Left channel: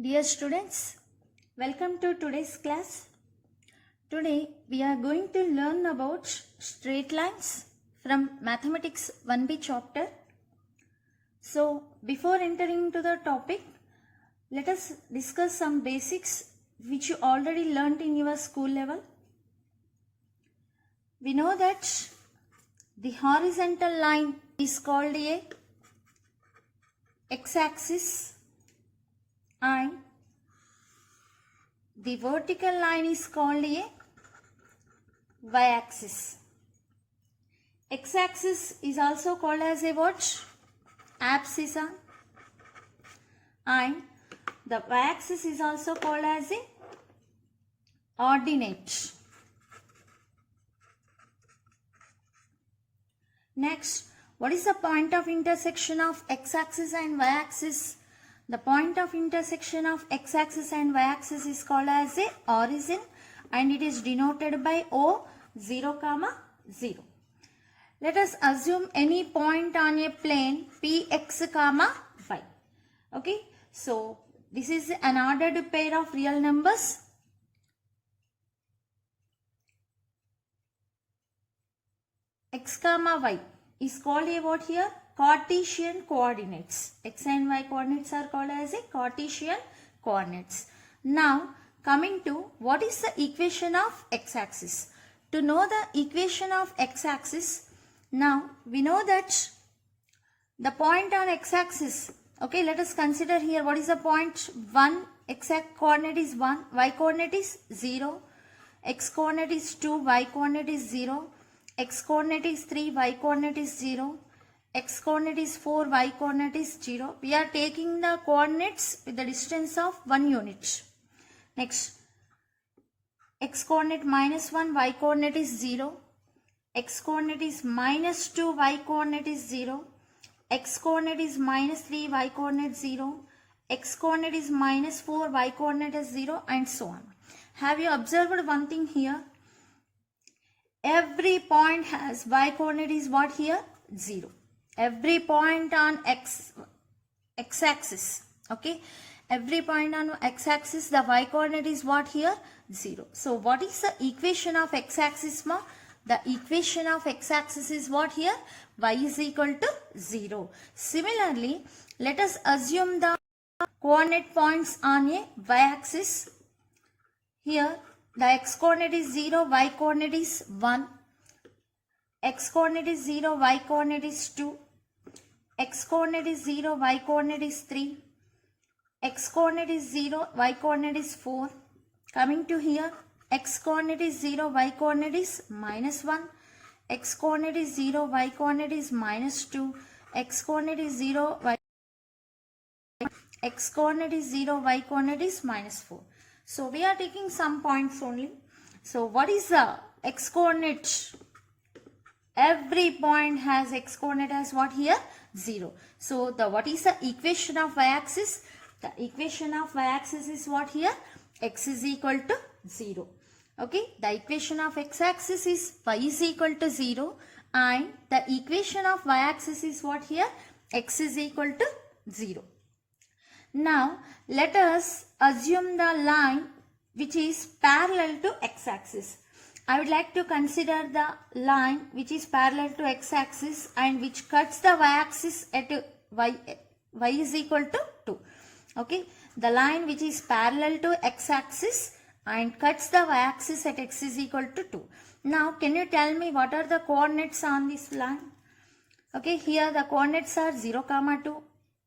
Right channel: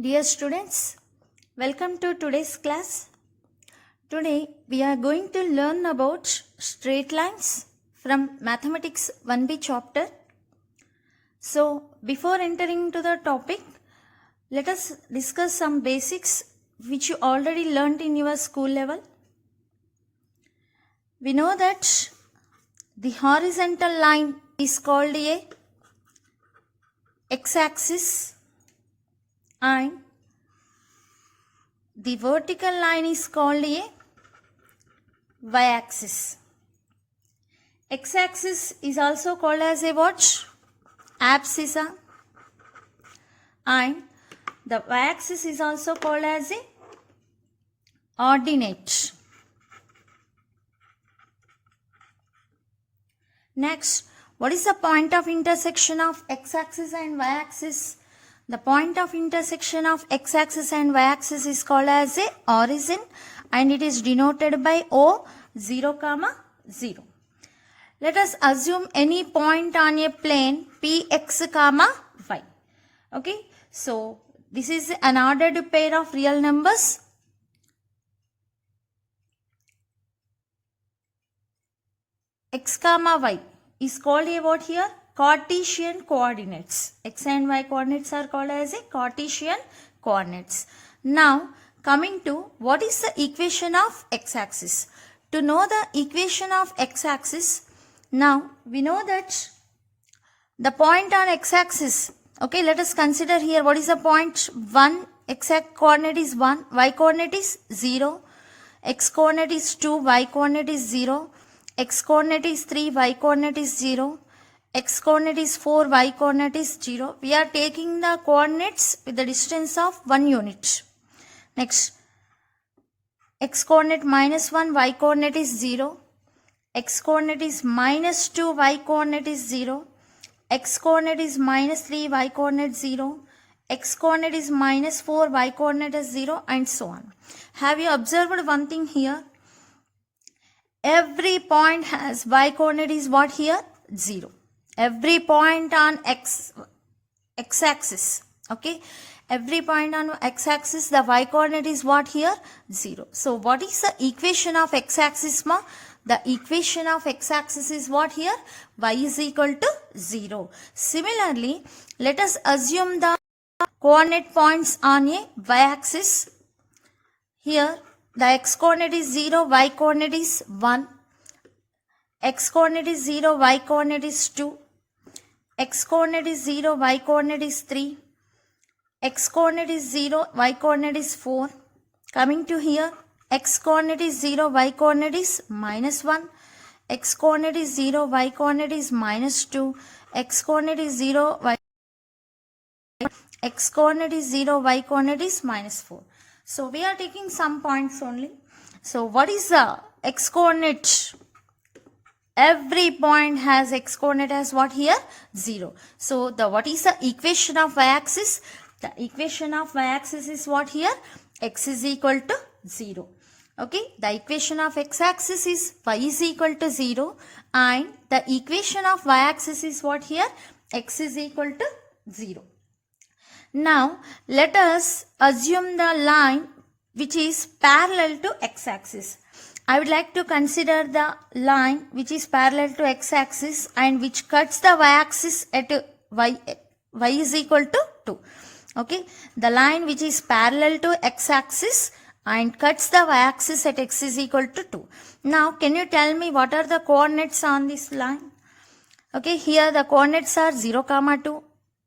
Dear students, welcome to today's class. Today we are going to learn about straight lines from Mathematics 1B chapter. So before entering into the topic, let us discuss some basics which you already learnt in your school level. We know that the horizontal line is called a x-axis and the vertical line is called a y-axis. X-axis is also called as a what? Abscissa, and the y-axis is also called as a ordinate. Next, what is the point of intersection of x-axis and y-axis? The point of intersection of x-axis and y-axis is called as a origin and it is denoted by O 0, 0. Let us assume any point on a plane Px, y. Okay, so this is an ordered pair of real numbers. X, y is called a what here? Cartesian coordinates. X and y coordinates are called as a Cartesian coordinates. Now coming to what is the equation of x-axis. To know the equation of x-axis, now we know that the point on x-axis, okay, let us consider here what is the point 1, x-axis coordinate is 1, y coordinate is 0, x coordinate is 2, y coordinate is 0, x coordinate is 3, y coordinate is 0, x coordinate is 4, y coordinate is 0. We are taking the coordinates with the distance of 1 unit. Next, x coordinate minus 1, y coordinate is 0, x coordinate is minus 2, y coordinate is 0, x coordinate is minus 3, y coordinate 0, x coordinate is minus 4, y coordinate is 0, and so on. Have you observed one thing here? Every point has y coordinate is what here? 0. Every point on x-axis, okay, every point on x-axis the y coordinate is what here? 0. So what is the equation of x-axis ma? The equation of x-axis is what here? Y is equal to 0. Similarly, let us assume the coordinate points on a y-axis. Here the x coordinate is 0, y coordinate is 1, x coordinate is 0, y coordinate is 2, x coordinate is 0, y coordinate is 3, x coordinate is 0, y coordinate is 4. Coming to here, x coordinate is 0, y coordinate is minus 1, x coordinate is 0, y coordinate is minus 2, x coordinate is 0, x coordinate is 0, y coordinate is minus 4. So we are taking some points only. So what is the x coordinate? Every point has x coordinate as what here? 0. So the what is the equation of y-axis? The equation of y-axis is what here? X is equal to 0. Okay, the equation of x-axis is y is equal to 0 and the equation of y-axis is what here? X is equal to 0. Now let us assume the line which is parallel to x-axis. I would like to consider the line which is parallel to x-axis and which cuts the y-axis at y is equal to 2. Okay, the line which is parallel to x-axis and cuts the y-axis at x is equal to 2. Now can you tell me what are the coordinates on this line? Okay, here the coordinates are 0, 2.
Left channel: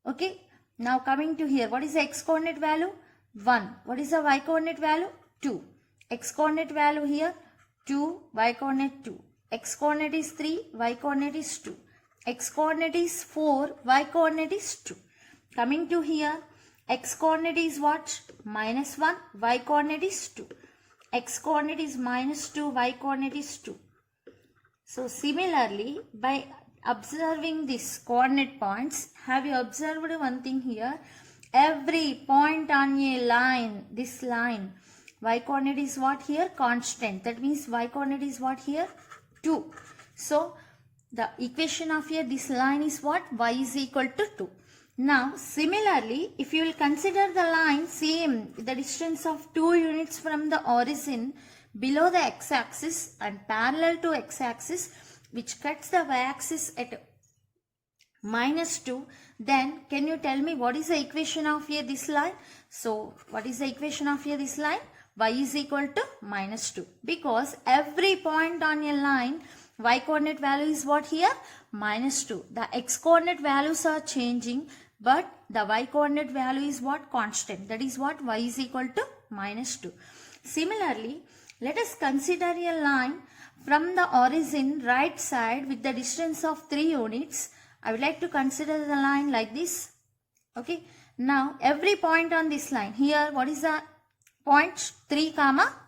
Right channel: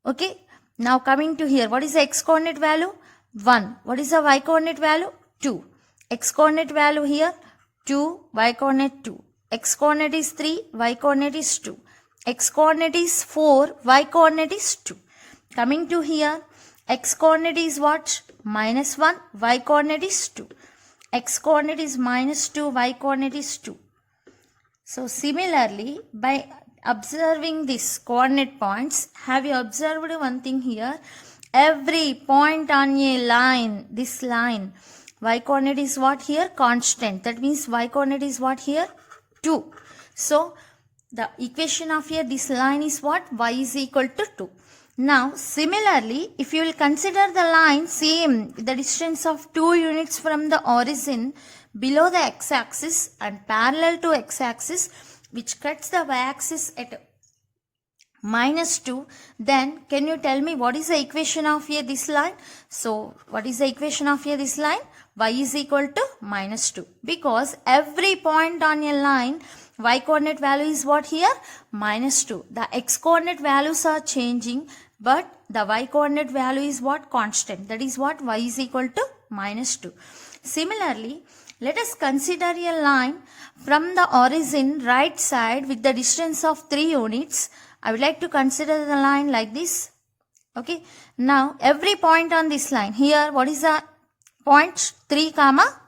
Okay, now coming to here, what is the x coordinate value? 1. What is the y coordinate value? 2. X coordinate value here? 2, y coordinate 2. X coordinate is 3, y coordinate is 2. X coordinate is 4, y coordinate is 2. Coming to here, x coordinate is what? Minus 1, y coordinate is 2. X coordinate is minus 2, y coordinate is 2. So similarly, by observing these coordinate points, have you observed one thing here? Every point on a line, this line, y coordinate is what here? Constant. That means y coordinate is what here? 2. So the equation of here, this line is what? Y is equal to 2. Now similarly, if you will consider the line same with the distance of 2 units from the origin below the x-axis and parallel to x-axis, which cuts the y-axis at -2, then can you tell me what is the equation of here this line? So what is the equation of here this line? Y is equal to -2, because every point on a line y coordinate value is what here? -2. The x coordinate values are changing, but the y coordinate value is what? Constant. That is what? Y is equal to -2. Similarly, let us consider a line from the origin right side with the distance of 3 units. I would like to consider the line like this. Okay. Now every point on this line here, what is the point? 3,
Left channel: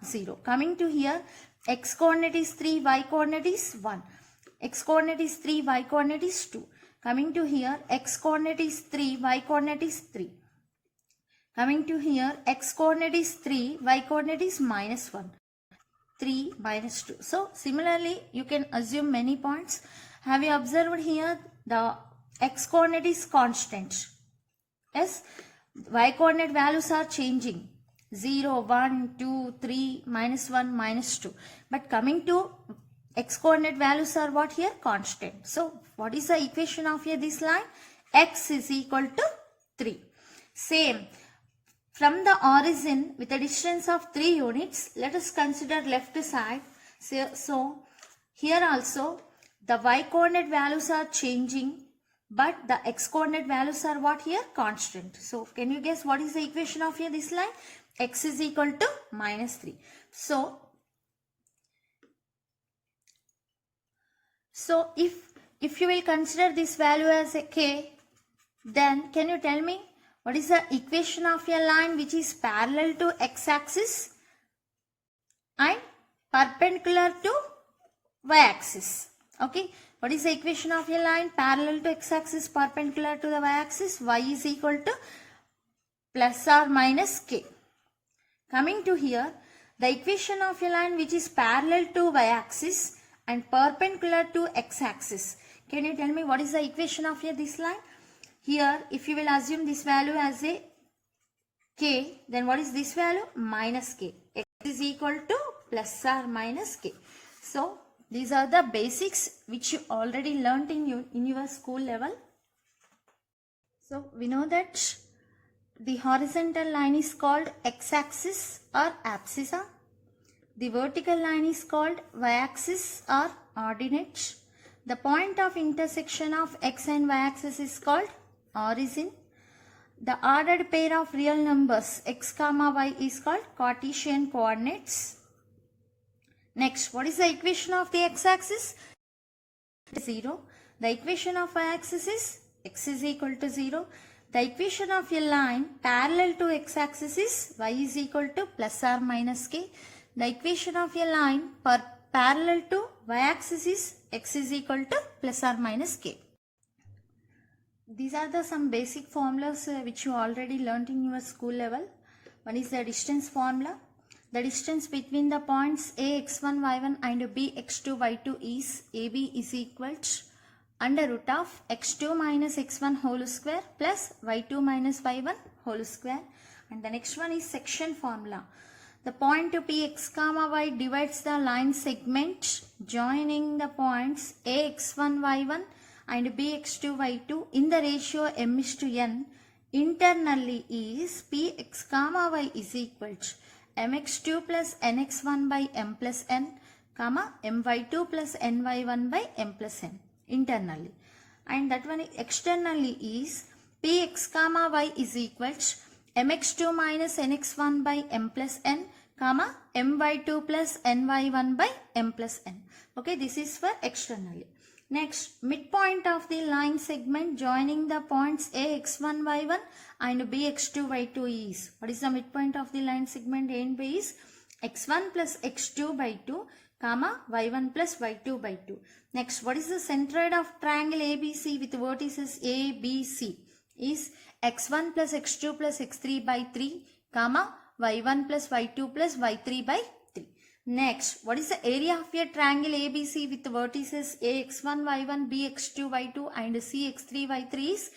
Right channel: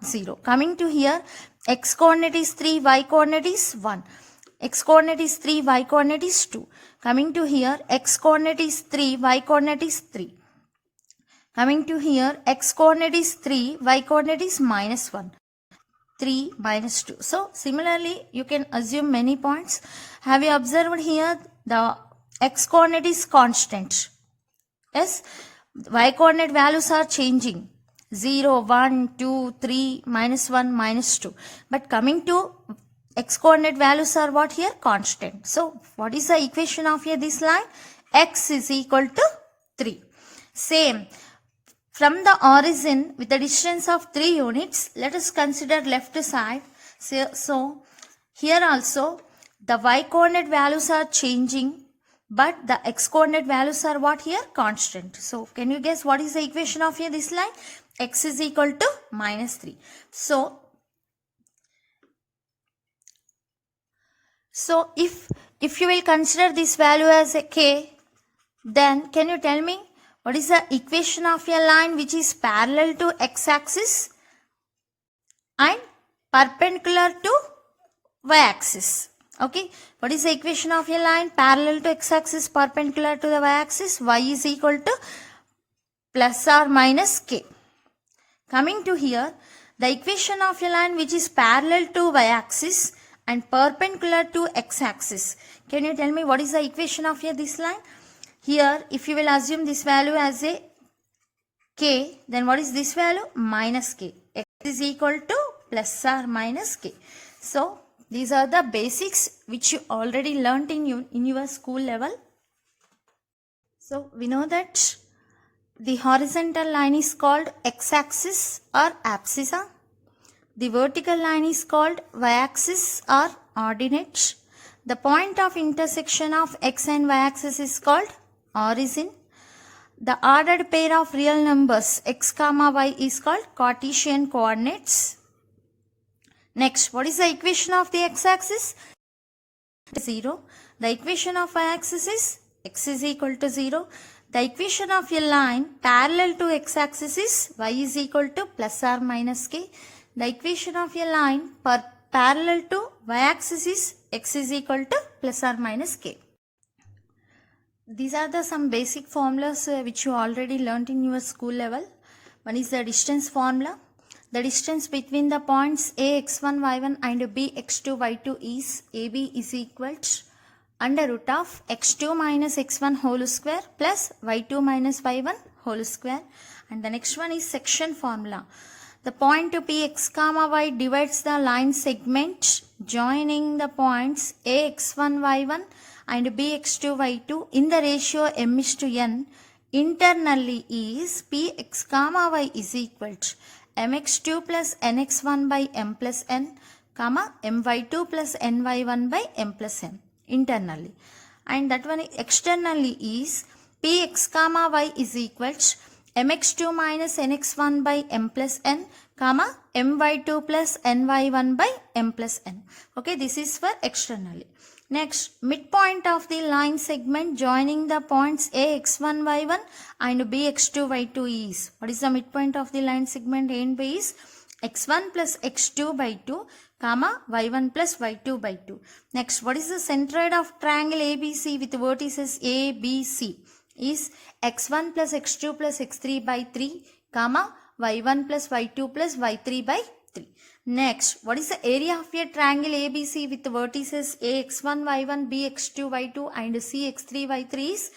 0. Coming to here, x coordinate is 3, y coordinate is 1. X coordinate is 3, y coordinate is 2. Coming to here, x coordinate is 3, y coordinate is 3. Coming to here, x coordinate is 3, y coordinate is -1. 3, -2. So similarly, you can assume many points. Have you observed here the x coordinate is constant? Yes, y coordinate values are changing. 0, 1, 2, 3, -1, -2. But coming to x coordinate values are what here? Constant. So what is the equation of here this line? X is equal to 3. Same. From the origin with the distance of 3 units, let us consider left side. So here also the y coordinate values are changing, but the x coordinate values are what here? Constant. So can you guess what is the equation of here this line? X is equal to -3. So if you will consider this value as a k, then can you tell me what is the equation of a line which is parallel to x-axis and perpendicular to y-axis? Okay, what is the equation of a line parallel to x-axis, perpendicular to the y-axis? Y is equal to ± k. Coming to here, the equation of a line which is parallel to y-axis and perpendicular to x-axis. Can you tell me what is the equation of here this line? Here, if you will assume this value as a k, then what is this value? -k. X is equal to ± k. So these are the basics which you already learnt in your school level. So we know that the horizontal line is called x-axis or abscissa. The vertical line is called y-axis or ordinate. The point of intersection of x and y-axis is called origin. The ordered pair of real numbers x, y is called Cartesian coordinates. Next, what is the equation of the x-axis? 0. The equation of y-axis is x is equal to 0. The equation of a line parallel to x-axis is y is equal to ±k. The equation of a line parallel to y-axis is x is equal to ±k. These are some basic formulas which you already learnt in your school level. One is the distance formula. The distance between the points a x1 y1 and b x2 y2 is ab is equal to √ of x2 minus x1 whole square plus y2 minus y1 whole square. And the next one is section formula. The point Px, y divides the line segment joining the points ax1 y1 and bx2 y2 in the ratio m:n. Internally is Px, y is equal to mx2 plus nx1 by m plus n, my2 plus ny1 by m plus n internally. And that one externally is Px, y is equal to mx2 minus nx1 by m plus n, my2 plus ny1 by m plus n. Okay, this is for externally. Next, midpoint of the line segment joining the points ax1 y1 and bx2 y2 is, what is the midpoint of the line segment A and B is x1 plus x2 by 2, y1 plus y2 by 2. Next, what is the centroid of triangle ABC with vertices A, B, C is x1 plus x2 plus x3 by 3, y1 plus y2 plus y3 by 3. Next, what is the area of a triangle ABC with vertices A x1 y1 B x2 y2 and C x3 y3 is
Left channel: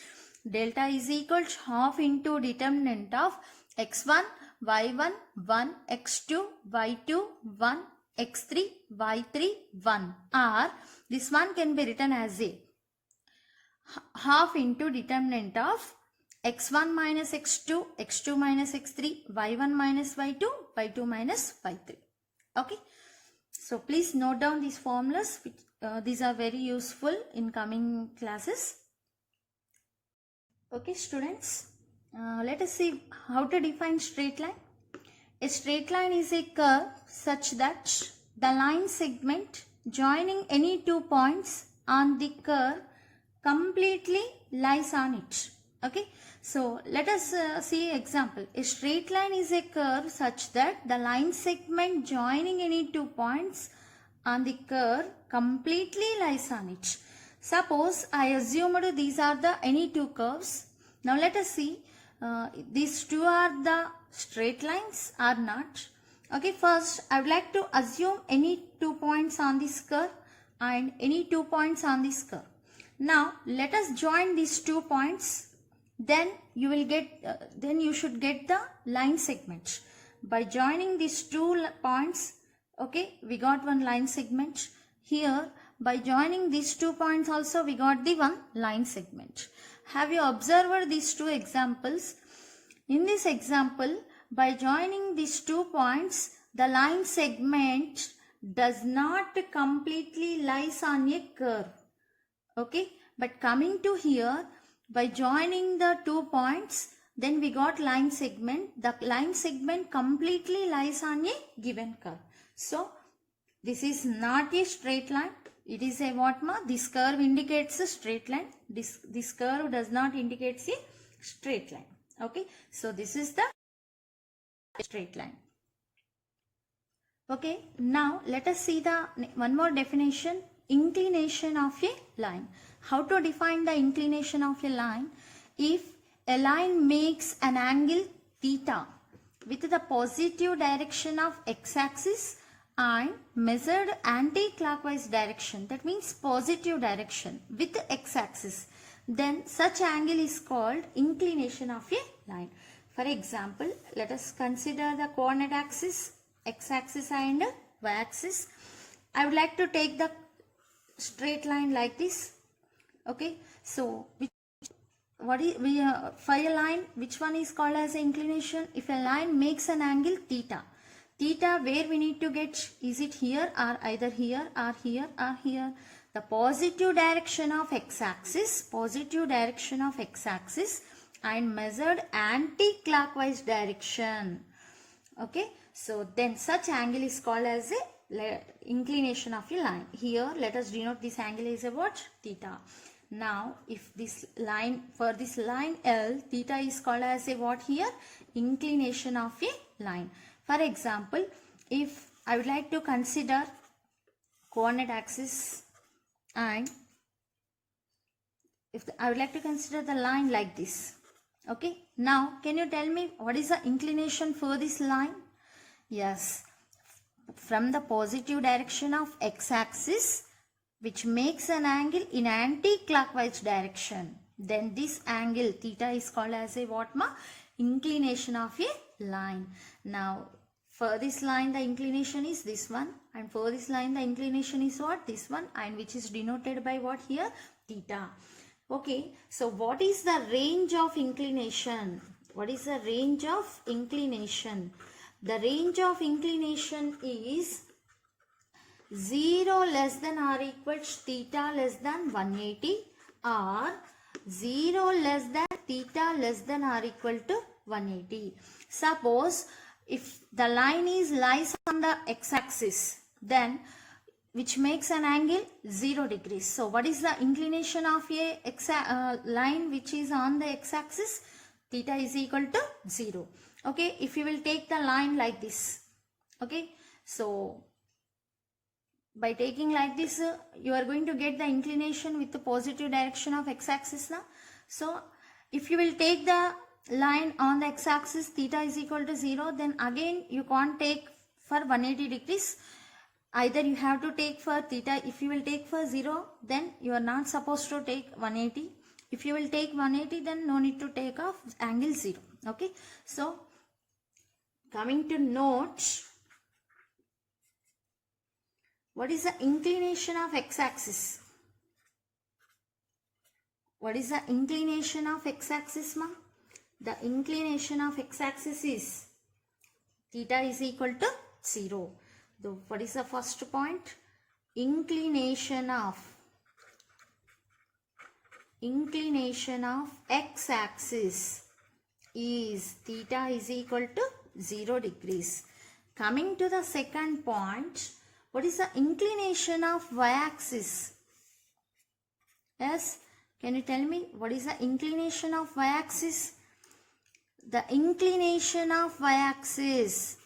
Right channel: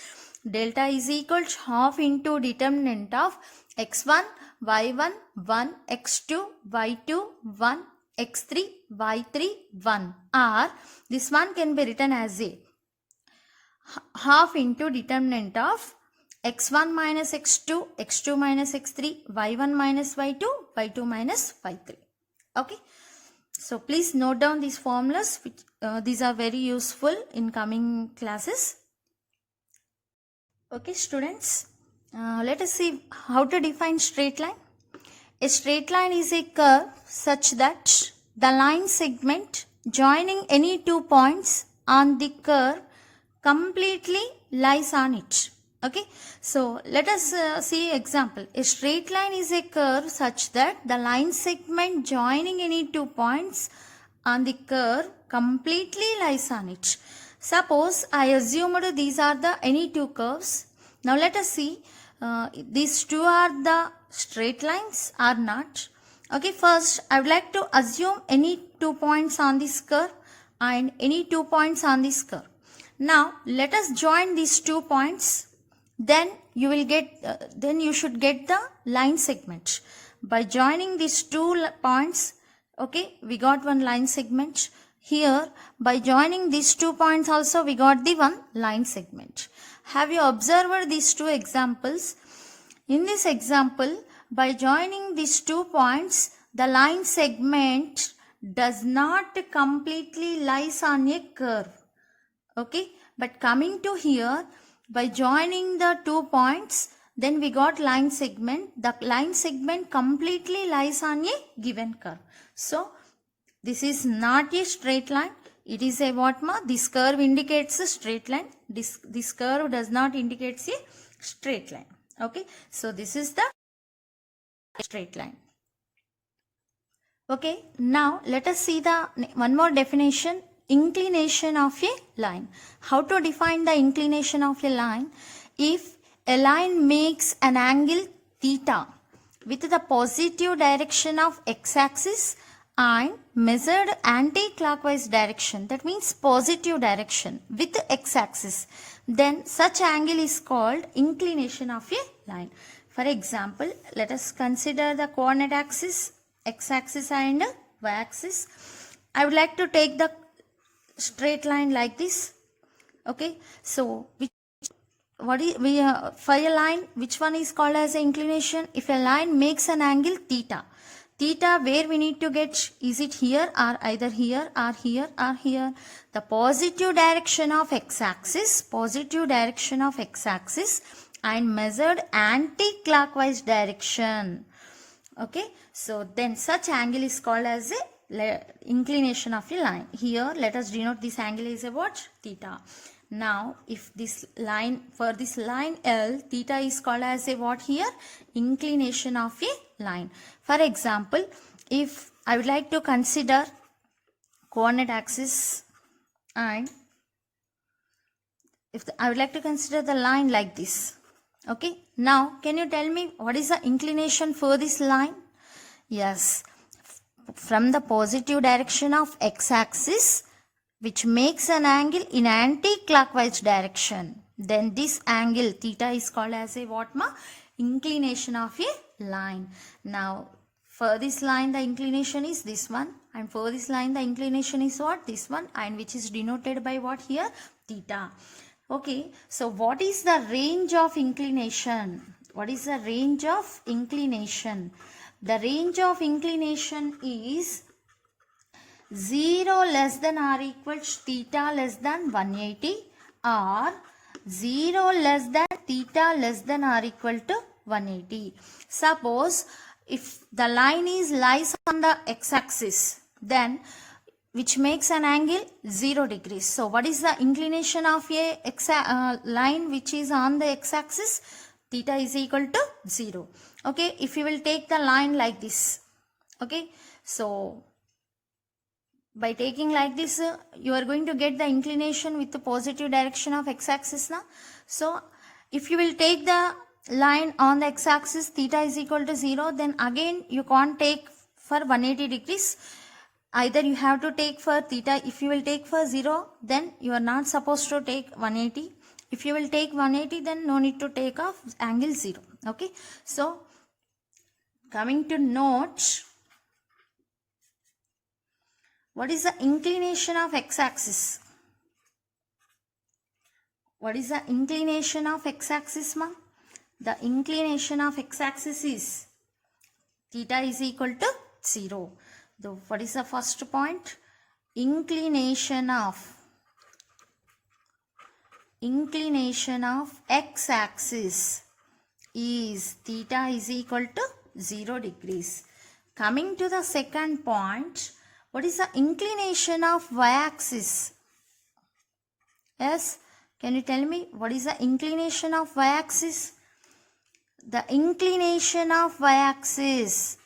delta is equal to half into determinant of x1, y1, 1, x2, y2, 1, x3, y3, 1, or this one can be written as a half into determinant of x1 minus x2, x2 minus x3, y1 minus y2, y2 minus y3. Okay. So please note down these formulas. These are very useful in coming classes. Okay students, let us see how to define straight line. A straight line is a curve such that the line segment joining any 2 points on the curve completely lies on it. Okay, so let us see example. A straight line is a curve such that the line segment joining any 2 points on the curve completely lies on it. Suppose I assumed these are the any 2 curves. Now let us see these two are the straight lines or not. Okay, first I would like to assume any 2 points on this curve and any 2 points on this curve. Now let us join these 2 points, then you will get then you should get the line segment. By joining these 2 points, okay, we got one line segment. Here by joining these 2 points also we got the one line segment. Have you observed these 2 examples? In this example, by joining these 2 points, the line segment does not completely lies on a curve. Okay, but coming to here, by joining the 2 points, then we got line segment. The line segment completely lies on a given curve. So this is not a straight line. It is a what ma? This curve indicates a straight line. This curve does not indicate a straight line. Okay, so this is the straight line. Okay, now let us see the one more definition. Inclination of a line. How to define the inclination of a line? If a line makes an angle theta with the positive direction of x-axis and measured anti-clockwise direction, that means positive direction with x-axis, then such angle is called inclination of a line. For example, let us consider the coordinate axis, x-axis and y-axis. I would like to take the straight line like this. Okay, so for a line, which one is called as an inclination? If a line makes an angle theta, where we need to get, is it here or either here or here or here? The positive direction of x-axis, and measured anti-clockwise direction. Okay, so then such angle is called as a inclination of a line. Here let us denote this angle is a what? Theta. Now if this line, for this line L, theta is called as a what here? Inclination of a line. For example, if I would like to consider coordinate axis and I would like to consider the line like this. Okay, now can you tell me what is the inclination for this line? Yes, from the positive direction of x-axis, which makes an angle in anti-clockwise direction, then this angle theta is called as a what ma? Inclination of a line. Now for this line the inclination is this one, and for this line the inclination is what? This one, and which is denoted by what here? Theta. Okay, so what is the range of inclination? What is the range of inclination? The range of inclination is 0 less than or equal to theta less than 180 or 0 less than theta less than or equal to 180. Suppose if the line lies on the x-axis, then which makes an angle 0 degrees. So what is the inclination of a line which is on the x-axis? Theta is equal to 0. Okay, if you will take the line like this. Okay, so by taking like this, you are going to get the inclination with the positive direction of x-axis now. So if you will take the line on the x-axis, theta is equal to 0, then again you can't take for 180 degrees. Either you have to take for theta. If you will take for 0, then you are not supposed to take 180. If you will take 180, then no need to take off angle 0. Okay, so coming to note, what is the inclination of x-axis? What is the inclination of x-axis, ma? The inclination of x-axis is theta is equal to 0. What is the first point? Inclination of x-axis is theta is equal to 0 degrees. Coming to the second point, what is the inclination of y-axis? Yes, can you tell me what is the inclination of y-axis? The inclination of y-axis,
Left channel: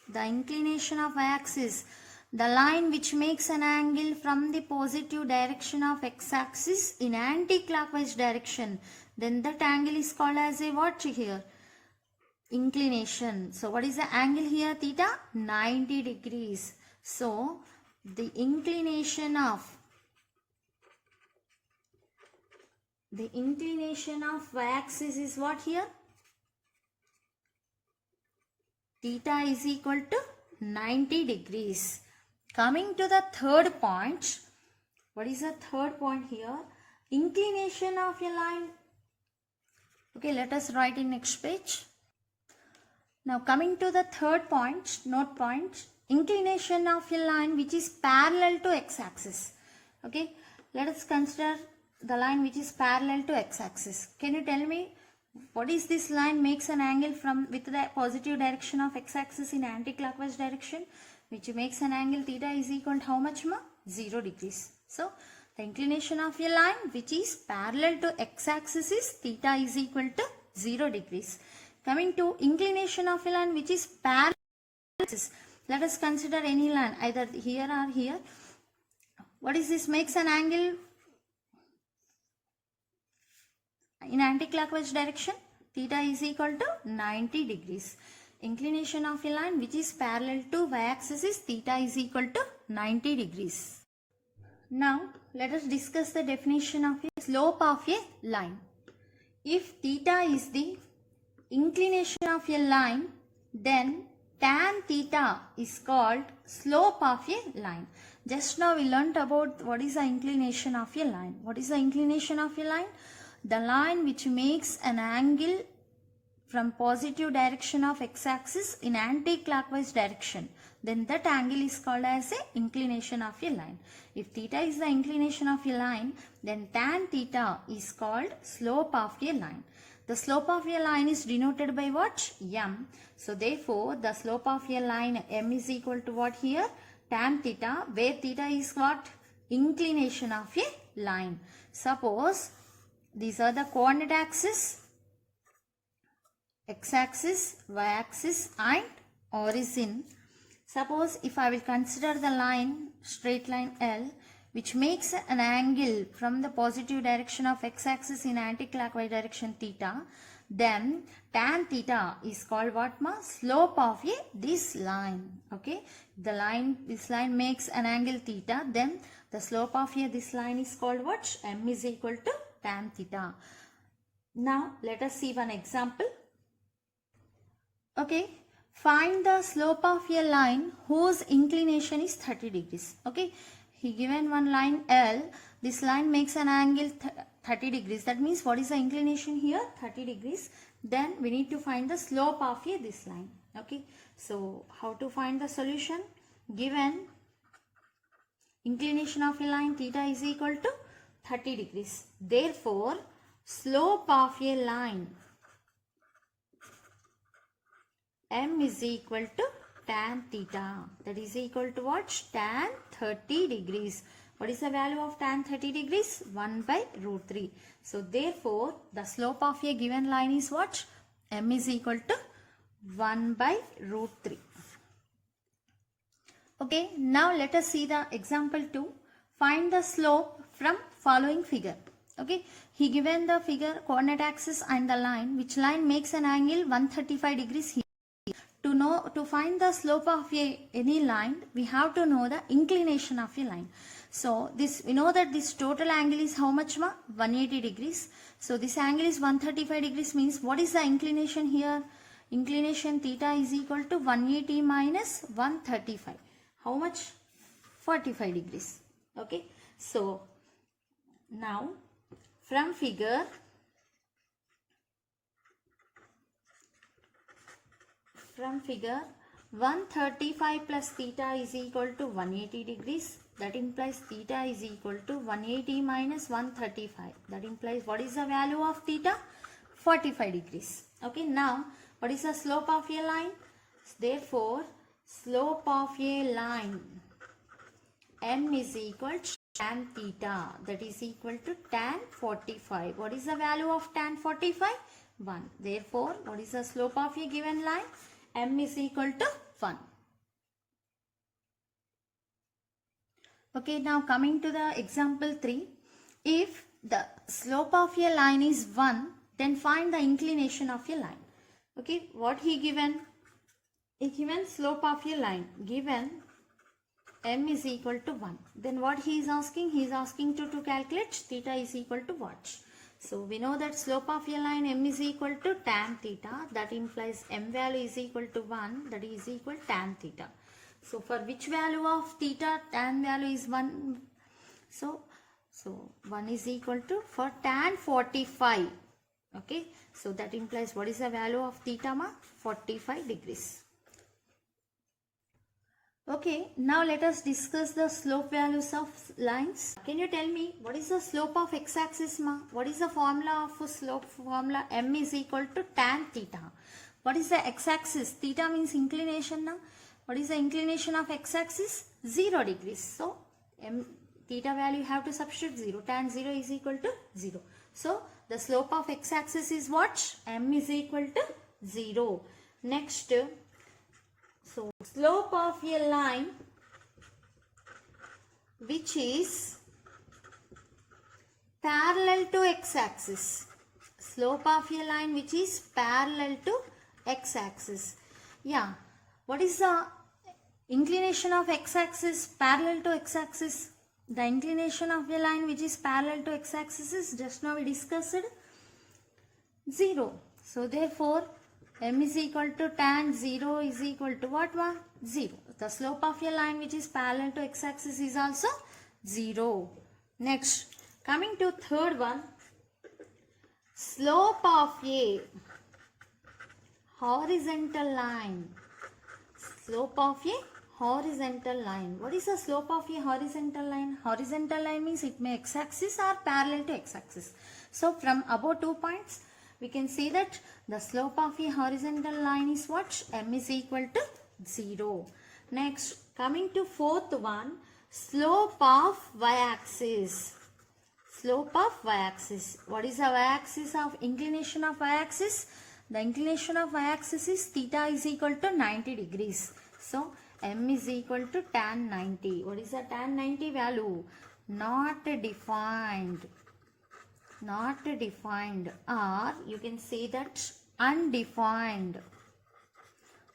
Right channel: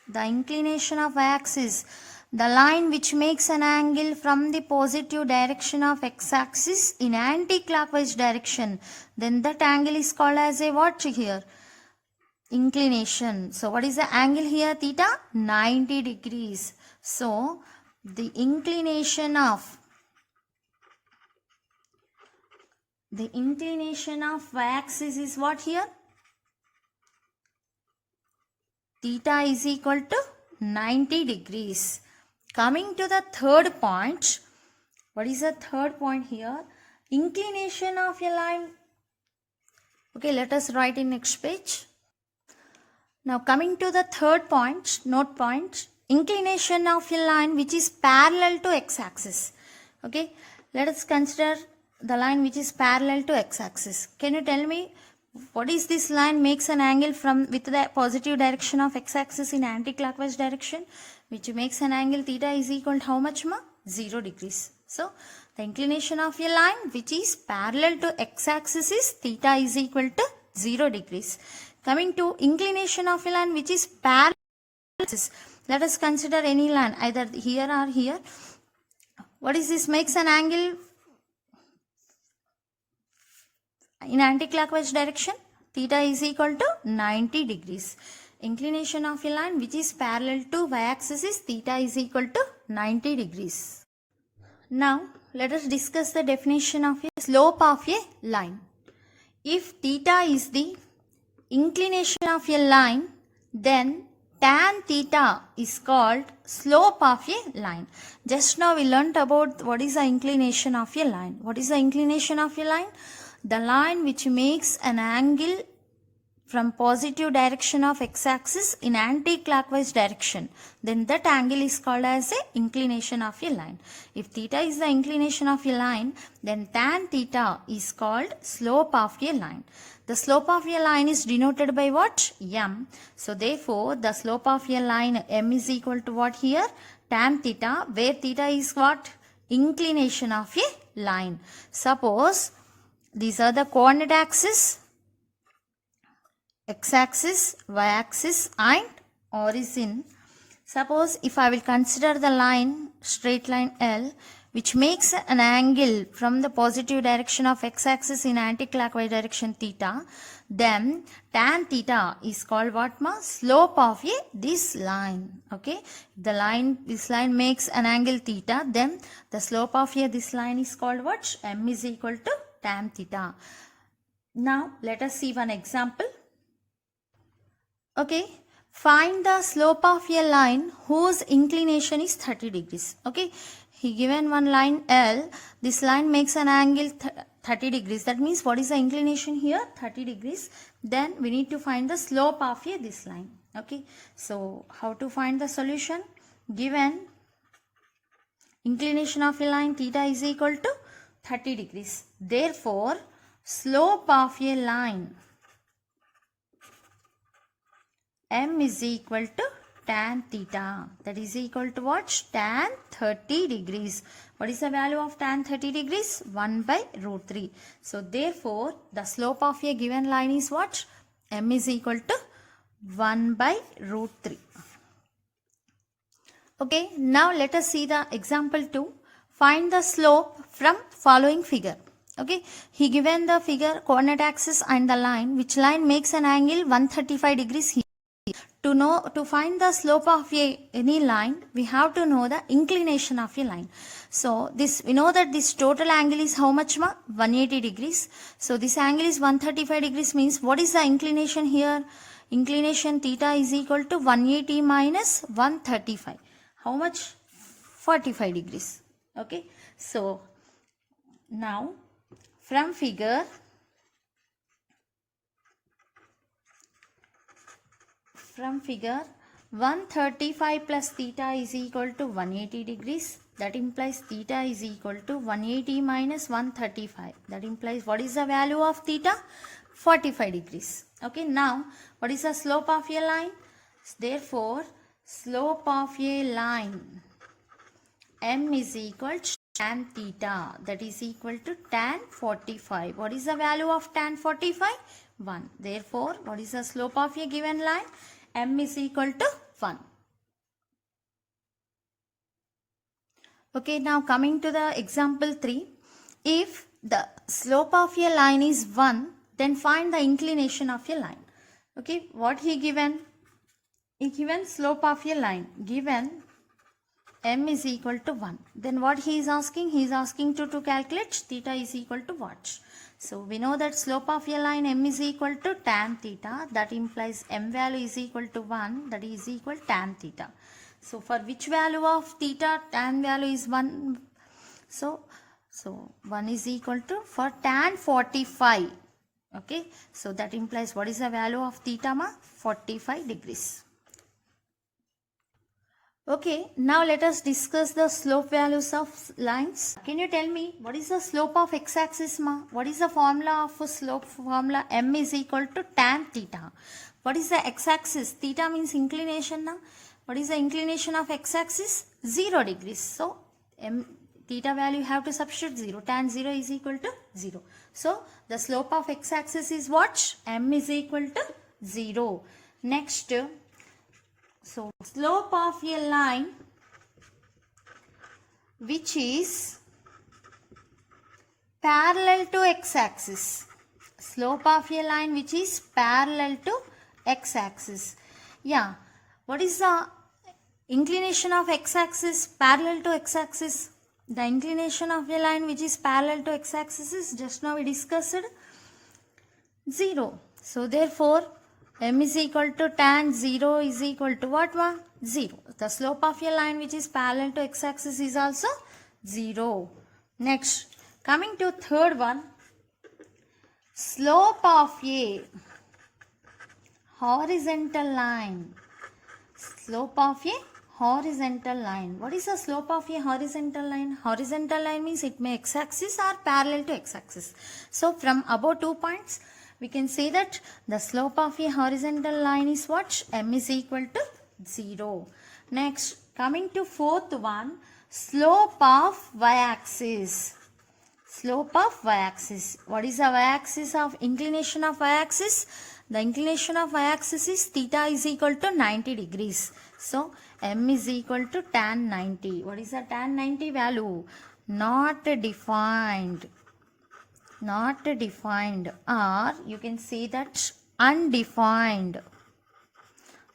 the line which makes an angle from the positive direction of x-axis in anti-clockwise direction, then that angle is called as a what here? Inclination. So what is the angle here? Theta, 90 degrees. So the inclination of y-axis is what here? Theta is equal to 90 degrees. Coming to the third point, what is the third point here? Inclination of a line. Okay, let us write in next page. Now coming to the third point, note point, inclination of a line which is parallel to x-axis. Okay, let us consider the line which is parallel to x-axis. Can you tell me what is this line makes an angle with the positive direction of x-axis in anti-clockwise direction, which makes an angle theta is equal to how much, ma? 0 degrees. So the inclination of a line which is parallel to x-axis is theta is equal to 0 degrees. Coming to inclination of a line which is parallel to x-axis, let us consider any line either here or here. What is this makes an angle in anti-clockwise direction? Theta is equal to 90 degrees. Inclination of a line which is parallel to y-axis is theta is equal to 90 degrees. Now let us discuss the definition of a slope of a line. If theta is the inclination of a line, then tan theta is called slope of a line. Just now we learnt about what is the inclination of a line. What is the inclination of a line? The line which makes an angle from positive direction of x-axis in anti-clockwise direction, then that angle is called as a inclination of a line. If theta is the inclination of a line, then tan theta is called slope of a line. The slope of a line is denoted by what? M. So therefore the slope of a line M is equal to what here? Tan theta, where theta is what? Inclination of a line. Suppose these are the coordinate axis, x-axis, y-axis and origin. Suppose if I will consider the line, straight line L, which makes an angle from the positive direction of x-axis in anti-clockwise direction theta, then tan theta is called what, ma? Slope of this line. Okay, this line makes an angle theta, then the slope of this line is called what? M is equal to tan theta. Now let us see one example. Okay, find the slope of a line whose inclination is 30 degrees. Okay, he given one line L. This line makes an angle 30 degrees. That means what is the inclination here? 30 degrees. Then we need to find the slope of this line. Okay, so how to find the solution? Given inclination of a line theta is equal to 30 degrees. Therefore, slope of a line M is equal to tan theta. That is equal to what? Tan 30 degrees. What is the value of tan 30 degrees? 1 by root 3. So therefore, the slope of a given line is what? M is equal to 1 by root 3. Okay, now let us see the example 2. Find the slope from following figure. Okay, he given the figure coordinate axis and the line, which line makes an angle 135 degrees here. to find the slope of any line, we have to know the inclination of a line. So this, we know that this total angle is how much ma? 180 degrees. So this angle is 135 degrees, means what is the inclination here? Inclination theta is equal to 180 minus 135. How much? 45 degrees. Okay. So now from figure 135 plus theta is equal to 180 degrees. That implies theta is equal to 180 minus 135. That implies what is the value of theta? 45 degrees. Okay, now what is the slope of a line? Therefore, slope of a line m is equal to tan theta. That is equal to tan 45. What is the value of tan 45? 1. Therefore, what is the slope of a given line? M is equal to 1. Okay, now coming to the example 3. If the slope of a line is 1, then find the inclination of a line. Okay, what he given? He given slope of a line. Given m is equal to 1. Then what he is asking? He is asking to calculate theta is equal to what? So we know that slope of a line m is equal to tan theta. That implies m value is equal to 1. That is equal tan theta. So for which value of theta tan value is 1? So 1 is equal to for tan 45. Okay. So that implies what is the value of theta ma? 45 degrees. Okay, now let us discuss the slope values of lines. Can you tell me what is the slope of x-axis ma? What is the formula of a slope formula? M is equal to tan theta. What is the x-axis? Theta means inclination na? What is the inclination of x-axis? 0 degrees. So, theta value you have to substitute 0. Tan 0 is equal to 0. So, the slope of x-axis is what? M is equal to 0. Next, so slope of a line which is parallel to x-axis. Slope of a line which is parallel to x-axis. Yeah. What is the inclination of x-axis parallel to x-axis? The inclination of a line which is parallel to x-axis is just now we discussed 0. So therefore m is equal to tan 0 is equal to what one? 0. The slope of a line which is parallel to x-axis is also 0. Next, coming to third one, slope of a horizontal line. Slope of a horizontal line. What is the slope of a horizontal line? Horizontal line means it may x-axis or parallel to x-axis. So from above 2 points, we can say that the slope of a horizontal line is what? M is equal to 0. Next, coming to fourth one, slope of y-axis. Slope of y-axis. What is the y-axis of inclination of y-axis? The inclination of y-axis is theta is equal to 90 degrees. So, M is equal to tan 90. What is the tan 90 value? Not defined. Not defined, or you can say that undefined,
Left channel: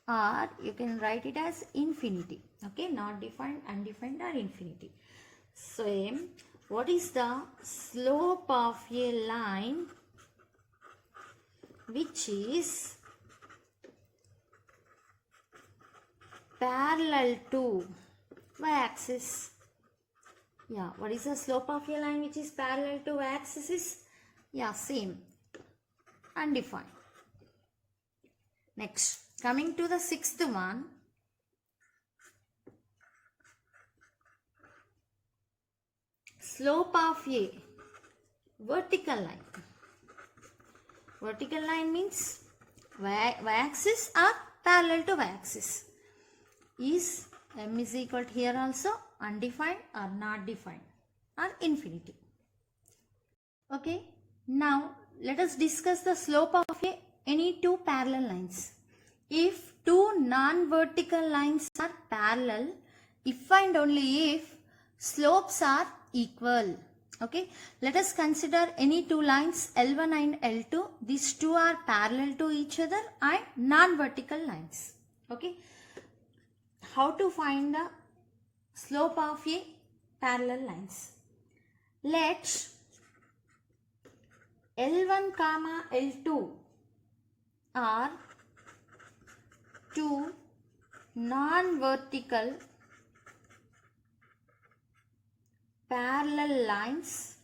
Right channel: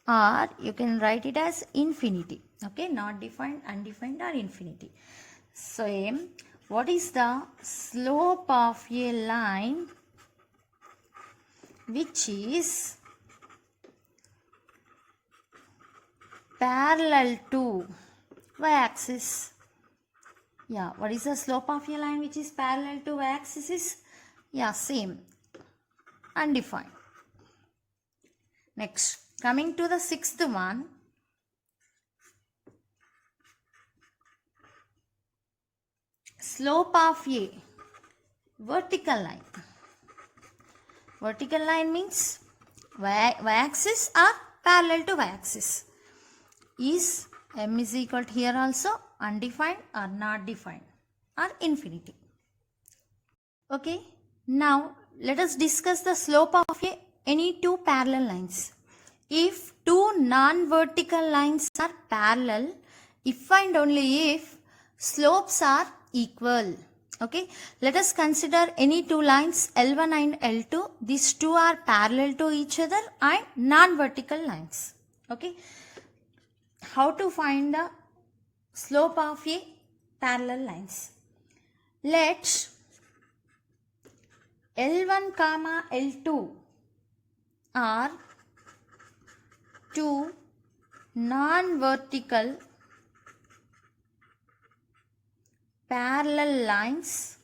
or you can write it as infinity. Okay, not defined, undefined, or infinity. Same. What is the slope of a line which is parallel to y-axis? Yeah, what is the slope of a line which is parallel to y-axis is? Yeah, same. Undefined. Next, coming to the sixth one. Slope of a vertical line. Vertical line means y-axis or parallel to y-axis. Is M is equal to here also undefined or not defined or infinity. Okay, now let us discuss the slope of any two parallel lines. If two non-vertical lines are parallel, if and only if slopes are equal. Okay, let us consider any two lines L1 and L2. These two are parallel to each other and non-vertical lines. Okay, how to find the slope of a parallel lines? Let L1 comma L2 are two non-vertical parallel lines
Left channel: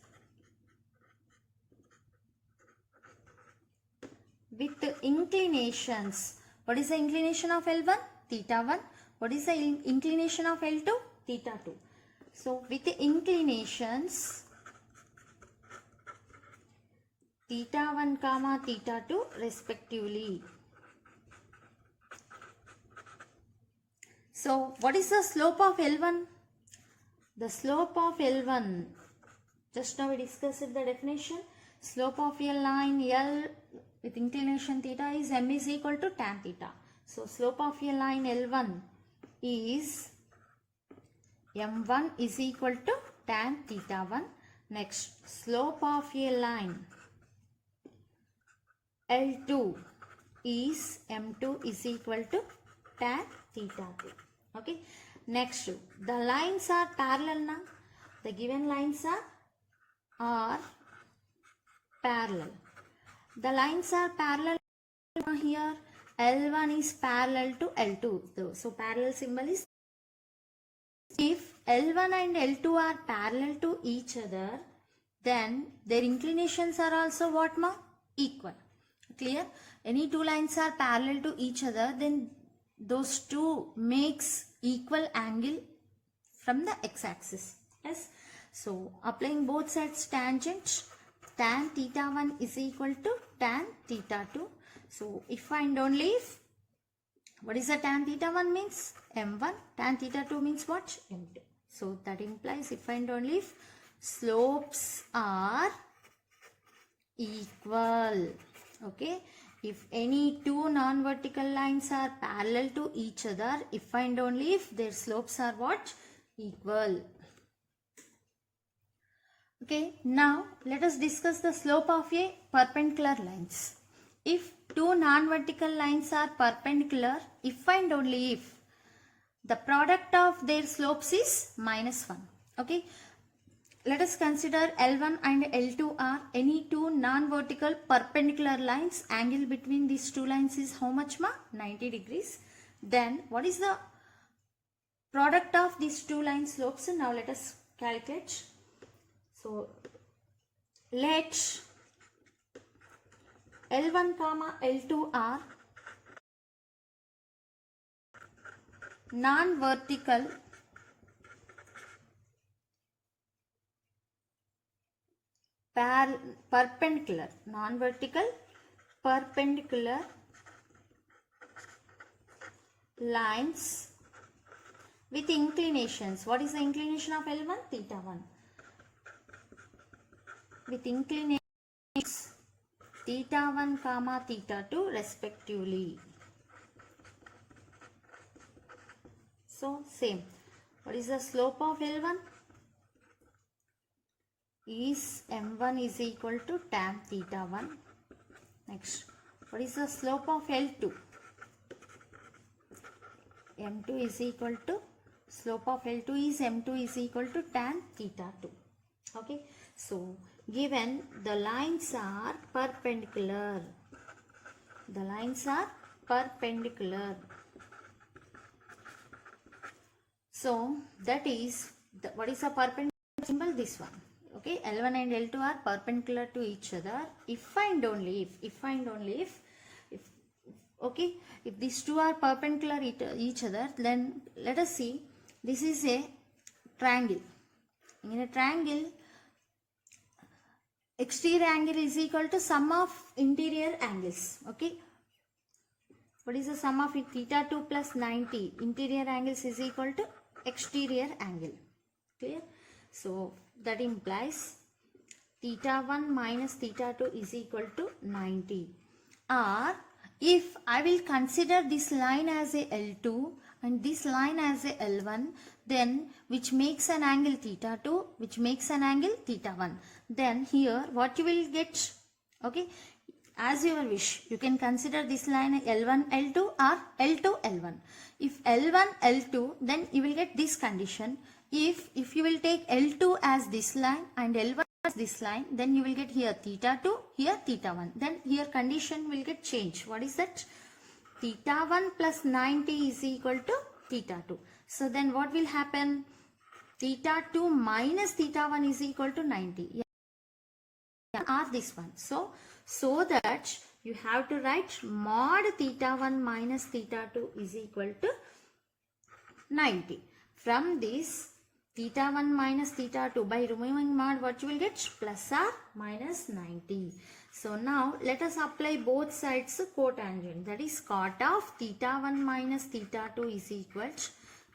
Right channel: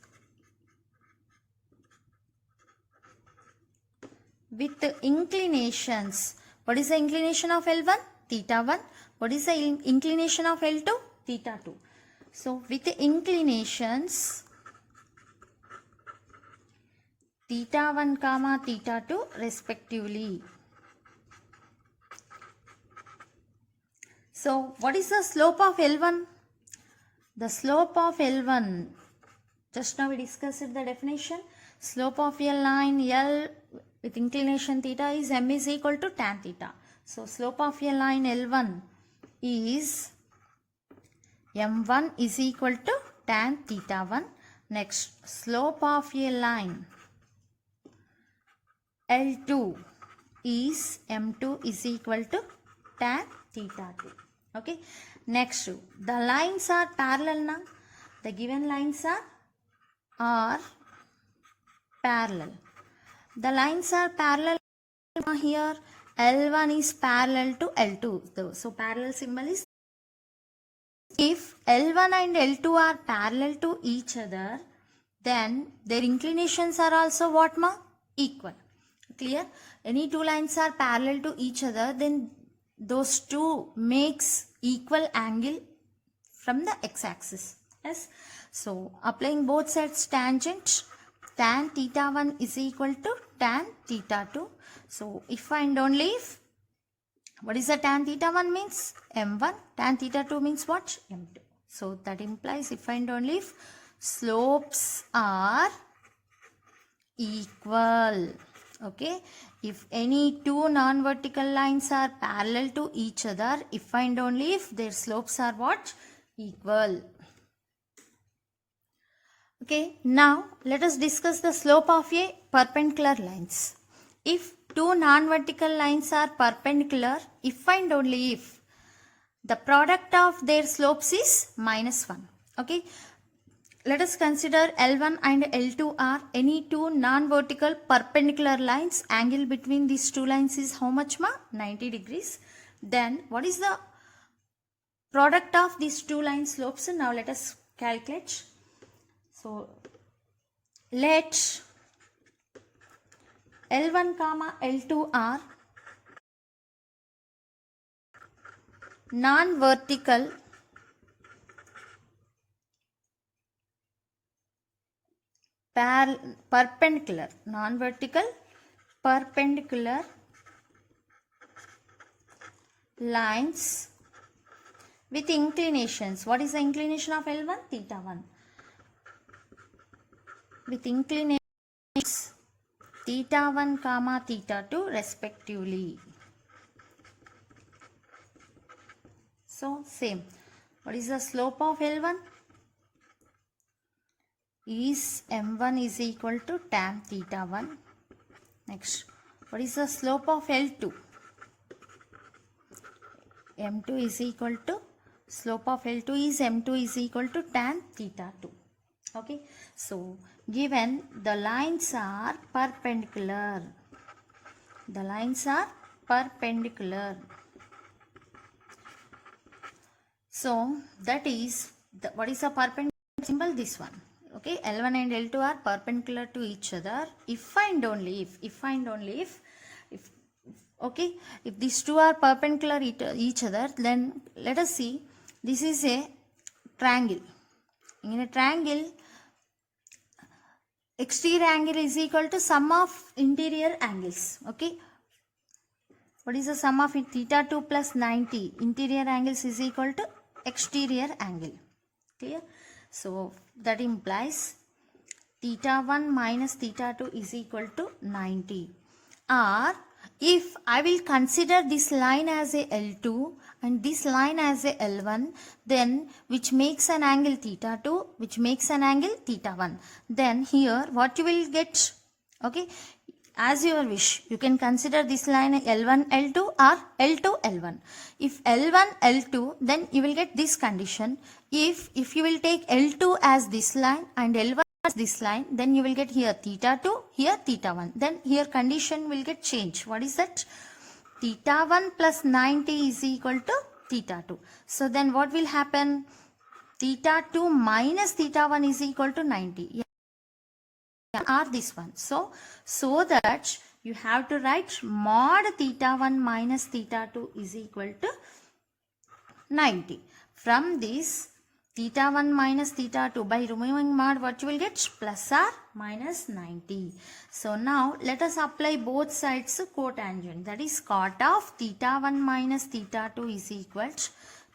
with inclinations. What is the inclination of L1? Theta 1. What is the inclination of L2? Theta 2. So with the inclinations theta 1 comma theta 2 respectively. So what is the slope of L1? The slope of L1, just now we discussed the definition. Slope of a line L with inclination theta is m is equal to tan theta. So slope of a line L1 is m1 is equal to tan theta 1. Next, slope of a line L2 is m2 is equal to tan theta 2. Okay, next, the lines are parallel now. The given lines are parallel. The lines are parallel here. L1 is parallel to L2. So parallel symbol is, if L1 and L2 are parallel to each other, then their inclinations are also what ma? Equal. Clear? Any two lines are parallel to each other, then those two makes equal angle from the x-axis. Yes. So applying both sides tangent, tan theta 1 is equal to tan theta 2. So if and only if, what is the tan theta 1 means? M1. Tan theta 2 means what? M2. So that implies if and only if slopes are equal. Okay, if any two non-vertical lines are parallel to each other, if and only if their slopes are what? Equal. Okay, now let us discuss the slope of a perpendicular lines. If two non-vertical lines are perpendicular, if and only if the product of their slopes is -1. Okay, let us consider L1 and L2 are any two non-vertical perpendicular lines. Angle between these two lines is how much ma? 90 degrees. Then what is the product of these two line slopes? Now let us calculate. So let L1 comma L2 are non-vertical perpendicular lines with inclinations. What is the inclination of L1? Theta 1. With inclinations theta 1 comma theta 2 respectively. So same. What is the slope of L1? Is m1 is equal to tan theta 1. Next, what is the slope of L2? m2 is equal to, slope of L2 is m2 is equal to tan theta 2. Okay, so given the lines are perpendicular, the lines are perpendicular. So that is the, what is the perpendicular symbol? This one. Okay, L1 and L2 are perpendicular to each other if and only if, okay, if these two are perpendicular each other, then let us see, this is a triangle. In a triangle, exterior angle is equal to sum of interior angles. Okay, what is the sum of it? Theta 2 plus 90 interior angles is equal to exterior angle. Clear? So that implies theta 1 minus theta 2 is equal to 90. Or if I will consider this line as a L2 and this line as a L1, then which makes an angle theta 2, which makes an angle theta 1. Then here what you will get? Okay, as your wish. You can consider this line L1, L2 or L2, L1. If L1, L2, then you will get this condition. If you will take L2 as this line and L1 as this line, then you will get here theta 2, here theta 1. Then here condition will get changed. What is that? Theta 1 plus 90 is equal to theta 2. So then what will happen? Theta 2 minus theta 1 is equal to 90. Or this one. So that you have to write mod theta 1 minus theta 2 is equal to 90. From this theta 1 minus theta 2, by removing mod, what you will get? Plus or minus 90. So now let us apply both sides cotangent. That is cot of theta 1 minus theta 2 is equal to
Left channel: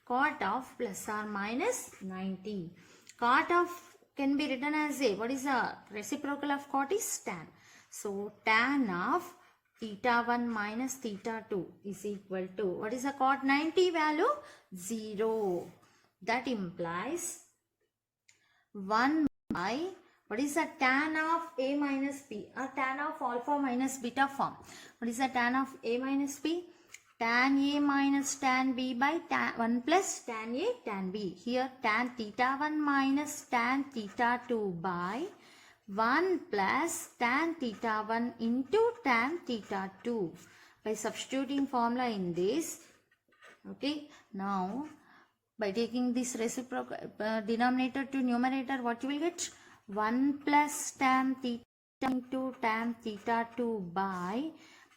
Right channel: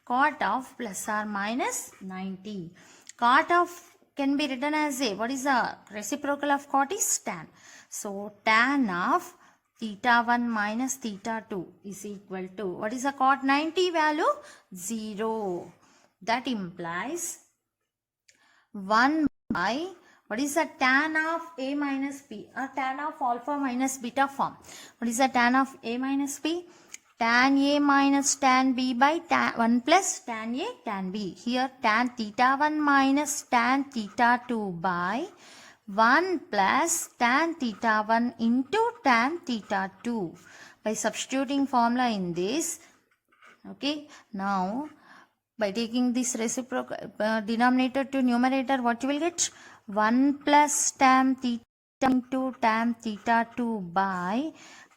cot of plus or minus 90. Cot of can be written as a, what is the reciprocal of cot is tan. So tan of theta 1 minus theta 2 is equal to, what is the cot 90 value? 0. That implies 1 by, what is the tan of A minus B or tan of alpha minus beta form? What is the tan of A minus B? Tan A minus tan B by tan 1 plus tan A tan B. Here tan theta 1 minus tan theta 2 by 1 plus tan theta 1 into tan theta 2. By substituting formula in this, okay, now by taking this reciprocal denominator to numerator, what you will get? 1 plus tan theta into tan theta 2 by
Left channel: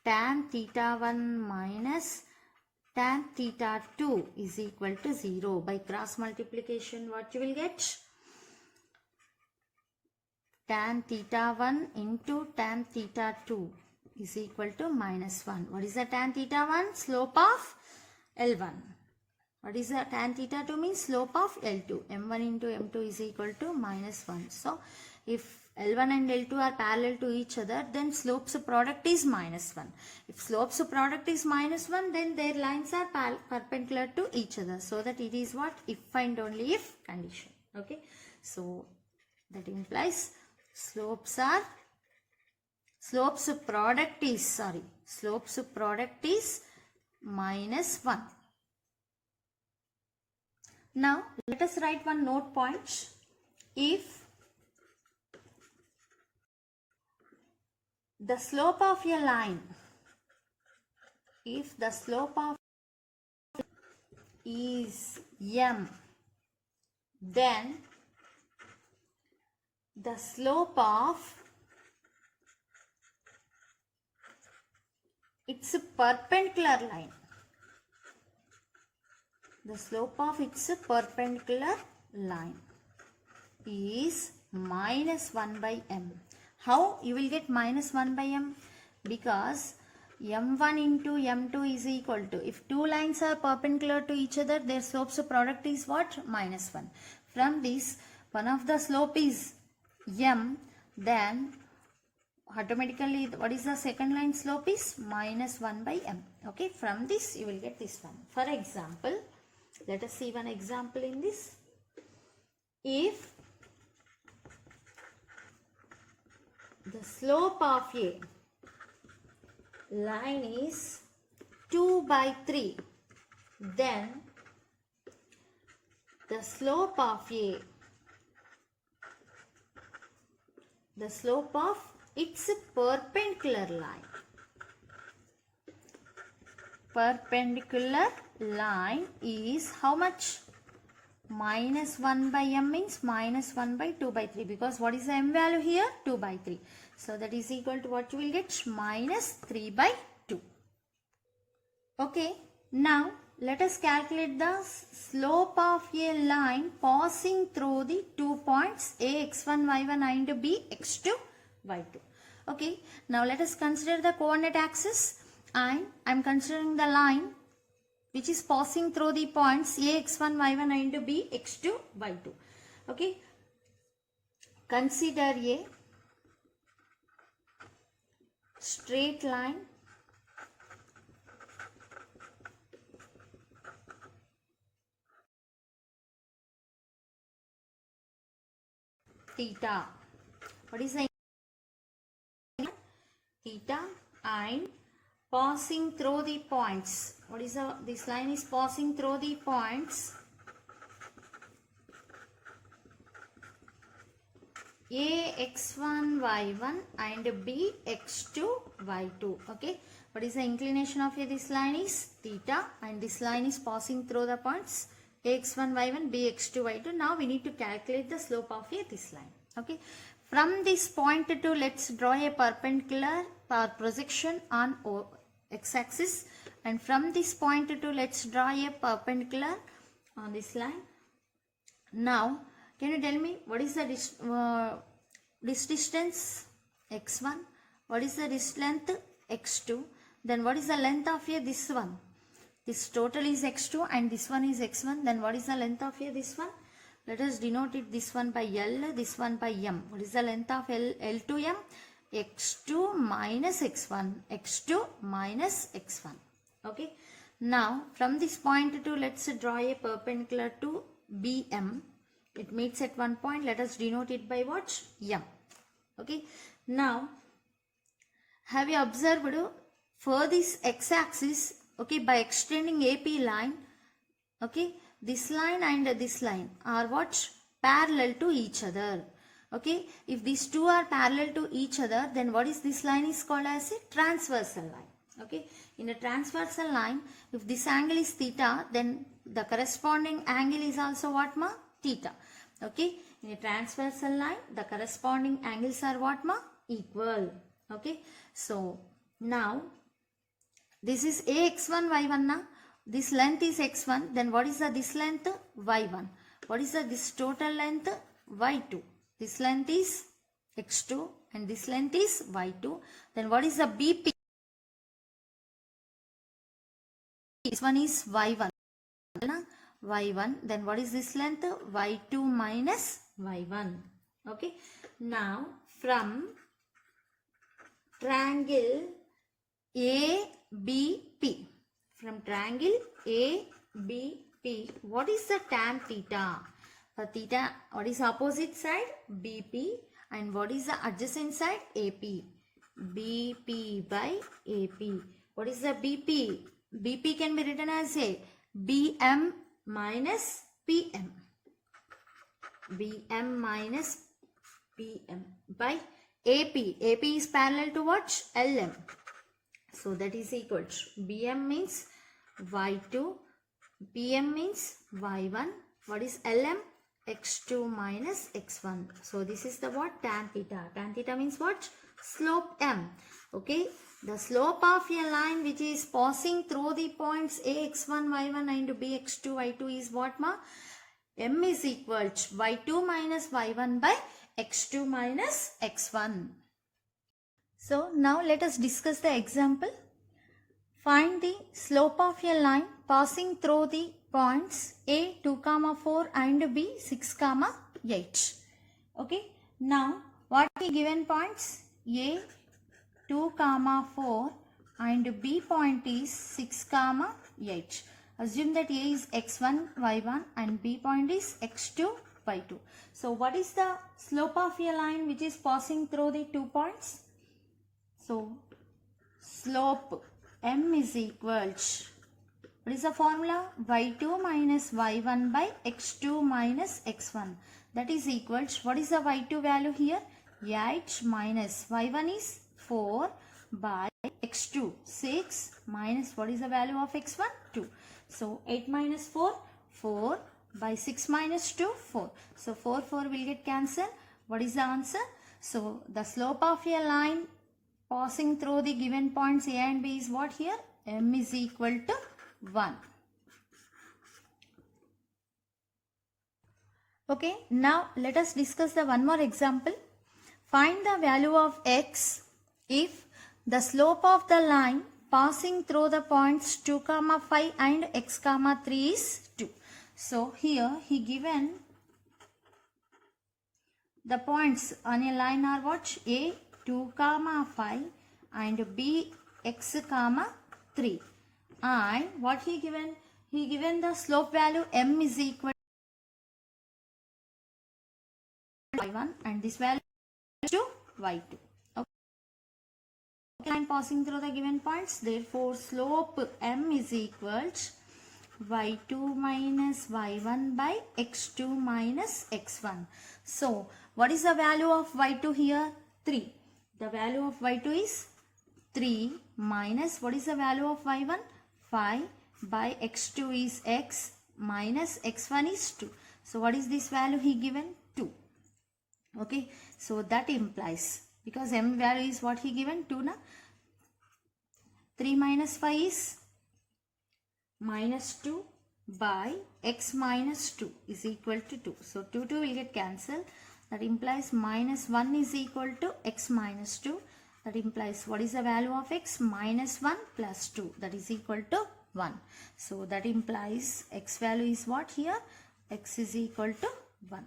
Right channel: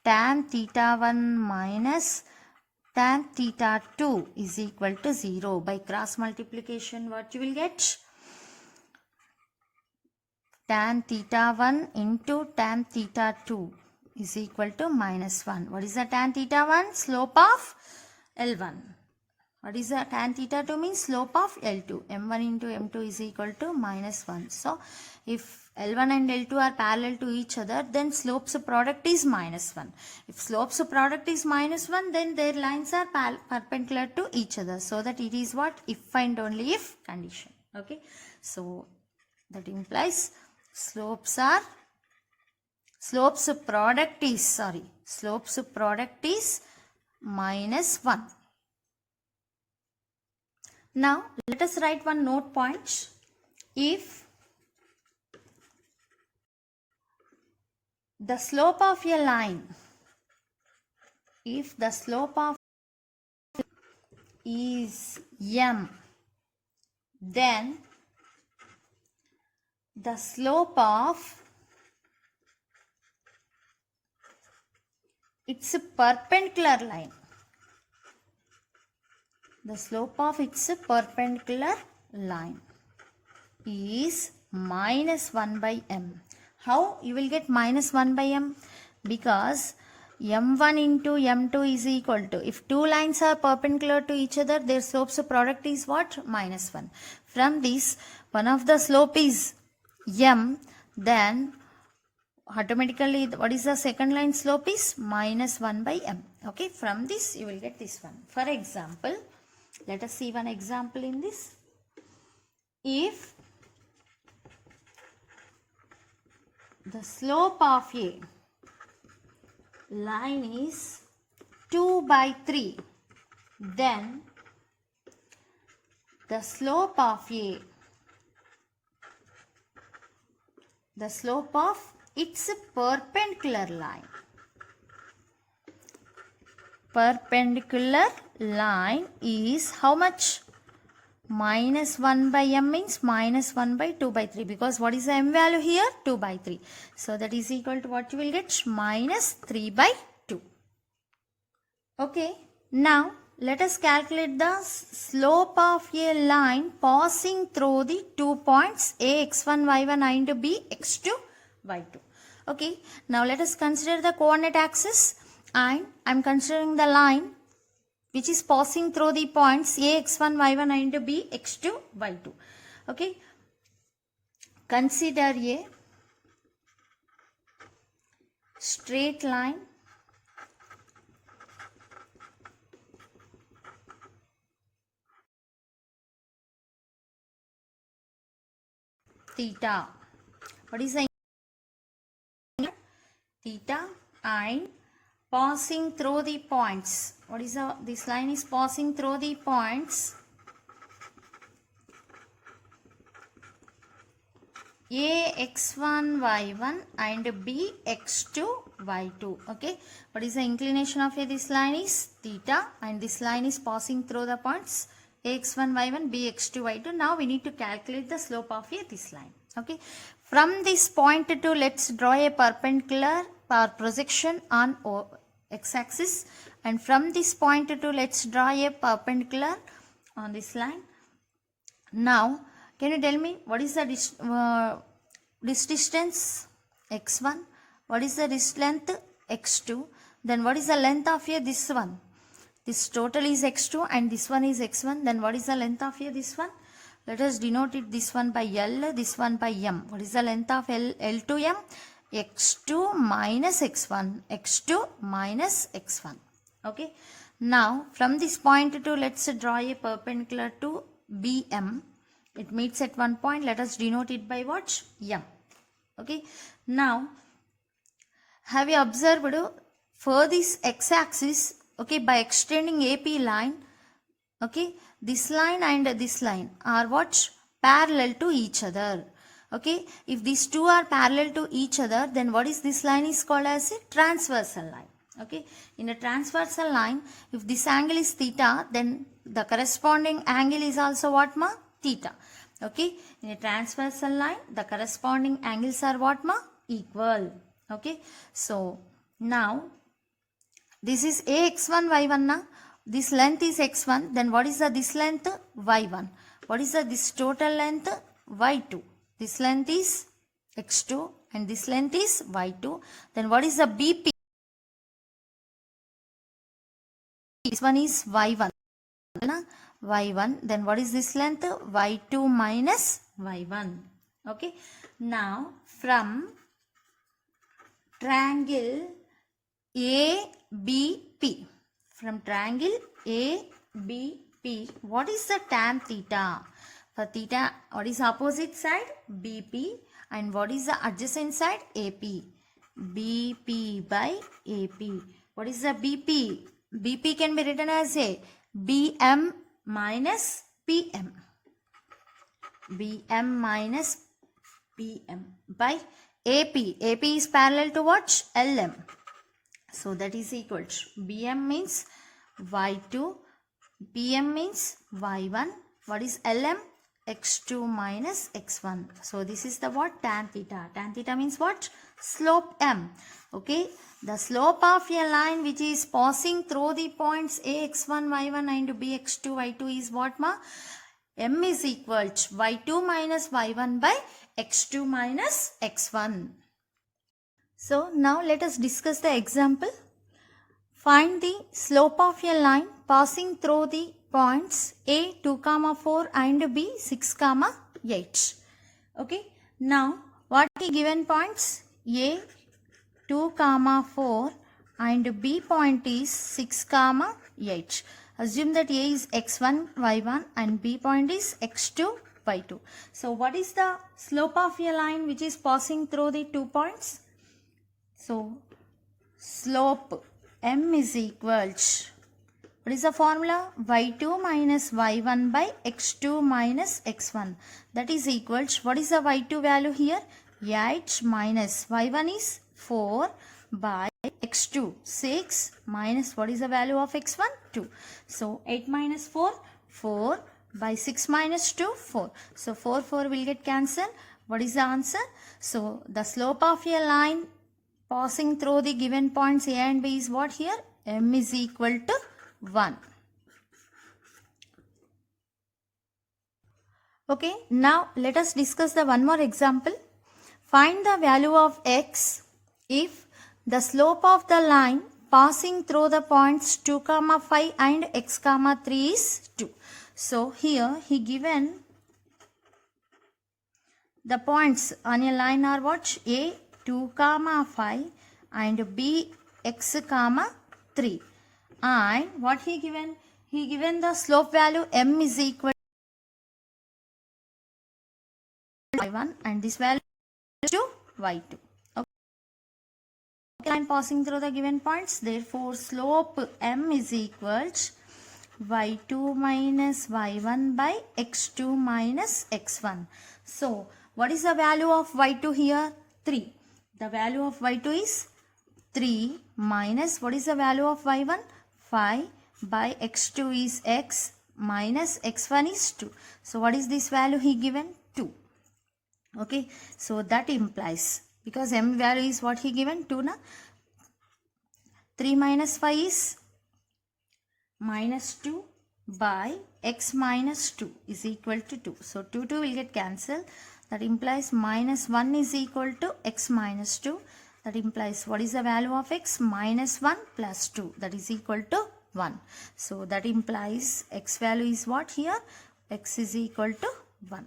tan theta 1 minus tan theta 2 is equal to 0. By cross multiplication, what you will get? Tan theta 1 into tan theta 2 is equal to minus 1. What is the tan theta 1? Slope of L1. What is the tan theta 2 means? Slope of L2. M1 into M2 is equal to minus 1. So, if L1 and L2 are parallel to each other, then slopes product is minus 1. If slopes product is minus 1, then their lines are perpendicular to each other. So, that it is what? If and only if condition. Okay. So, that implies slopes product is minus 1. Now, let us write one note point. If the slope of a line, if the slope of is m, then the slope of its perpendicular line, the slope of its perpendicular line is minus 1 by m. How you will get minus 1 by m? Because m1 into m2 is equal to, if two lines are perpendicular to each other, their slopes product is what? Minus 1. From this, one of the slope is m, then automatically what is the second line slope is minus 1 by m. Okay, from this you will get this one. For example, let us see one example in this. If the slope of a line is 2 by 3, then the slope of its perpendicular line is how much? Minus 1 by m means minus 1 by 2 by 3, because what is the m value here? 2 by 3. So that is equal to what you will get? Minus 3 by 2. Okay. Now let us calculate the slope of a line passing through the 2 points a x1 y1 and b x2 y2. Okay. Now let us consider the coordinate axis, and I am considering the line which is passing through the points a x1 y1 and b x2 y2. Okay. Consider a straight line theta. What is the theta? line passing through the points. What is this line is passing through the points A x1 y1 and B x2 y2. Okay, what is the inclination of this line is theta, and this line is passing through the points x1 y1 b x2 y2. Now we need to calculate the slope of this line. Okay, from this point to let's draw a perpendicular projection on x-axis, and from this point to let's draw a perpendicular on this line. Now can you tell me what is the this distance x1, what is the this length x2, then what is the length of here this one? This total is x2 and this one is x1. Then what is the length of here this one? Let us denote it this one by L, this one by M. What is the length of L to M? x2 minus x1, x2 minus x1. Okay. Now from this point to let's draw a perpendicular to BM. It meets at one point. Let us denote it by what? M. Okay. Now have you observed for this x-axis, okay, by extending AP line, okay, this line and this line are what? Parallel to each other. Okay, if these two are parallel to each other, then what is this line is called as a transversal line. Okay, in a transversal line, if this angle is theta, then the corresponding angle is also what ma? Theta. Okay, in a transversal line, the corresponding angles are what ma? Equal. Okay, so now this is ax1 y1 na. This length is x1. Then what is this length? Y1. What is this total length? Y2. This length is x2 and this length is y2. Then what is the BP? This one is y1. Y1. Then what is this length? Y2 minus y1. Okay. Now from triangle ABP. From triangle ABP, what is the tan theta? For theta, what is opposite side? BP. And what is the adjacent side? AP. BP by AP. What is the BP? BP can be written as a BM minus PM. BM minus PM by AP. AP is parallel to what? LM. So that is equal to BM means Y2, PM means Y1. What is LM? X2 minus X1. So this is the what? Tan theta. Tan theta means what? Slope M. Okay. The slope of a line which is passing through the points AX1, Y1 and BX2, Y2 is what ma? M is equal to Y2 minus Y1 by X2 minus X1. So now let us discuss the example. Find the slope of a line passing through the points A 2, 4 and B 6, 8. Okay. Now what are the given points? A 2, 4 and B point is 6, 8. Assume that A is x1, y1 and B point is x2, y2. So what is the slope of a line which is passing through the 2 points? So slope M is equal to, what is the formula? Y2 minus y1 by x2 minus x1. That is equal to, what is the y2 value here? 8 minus y1 is 4 by x2 6 minus what is the value of x1? 2. So 8 minus 4, 4 by 6 minus 2, 4. So 4 will get cancelled. What is the answer? So the slope of a line passing through the given points A and B is what here? M is equal to 1. Okay, now let us discuss the one more example. Find the value of x if the slope of the line passing through the points 2, 5 and x, 3 is 2. So here he given the points on a line are what? A 2, 5 and B x, 3. And what he given? He given the slope value M is equal to y1 and this value is to y2. line passing through the given points. Therefore, slope m is equal to y2 minus y1 by x2 minus x1. So, what is the value of y2 here? 3. The value of y2 is 3 minus what is the value of y1? 5 by x2 is x minus x1 is 2. So, what is this value he given? 2. Okay. So, that implies, because m value is what he given? 2 na? 3 minus 5 is minus 2 by x minus 2 is equal to 2. So 2 will get cancelled. That implies minus 1 is equal to x minus 2. That implies what is the value of x? Minus 1 plus 2. That is equal to 1. So that implies x value is what here? X is equal to 1.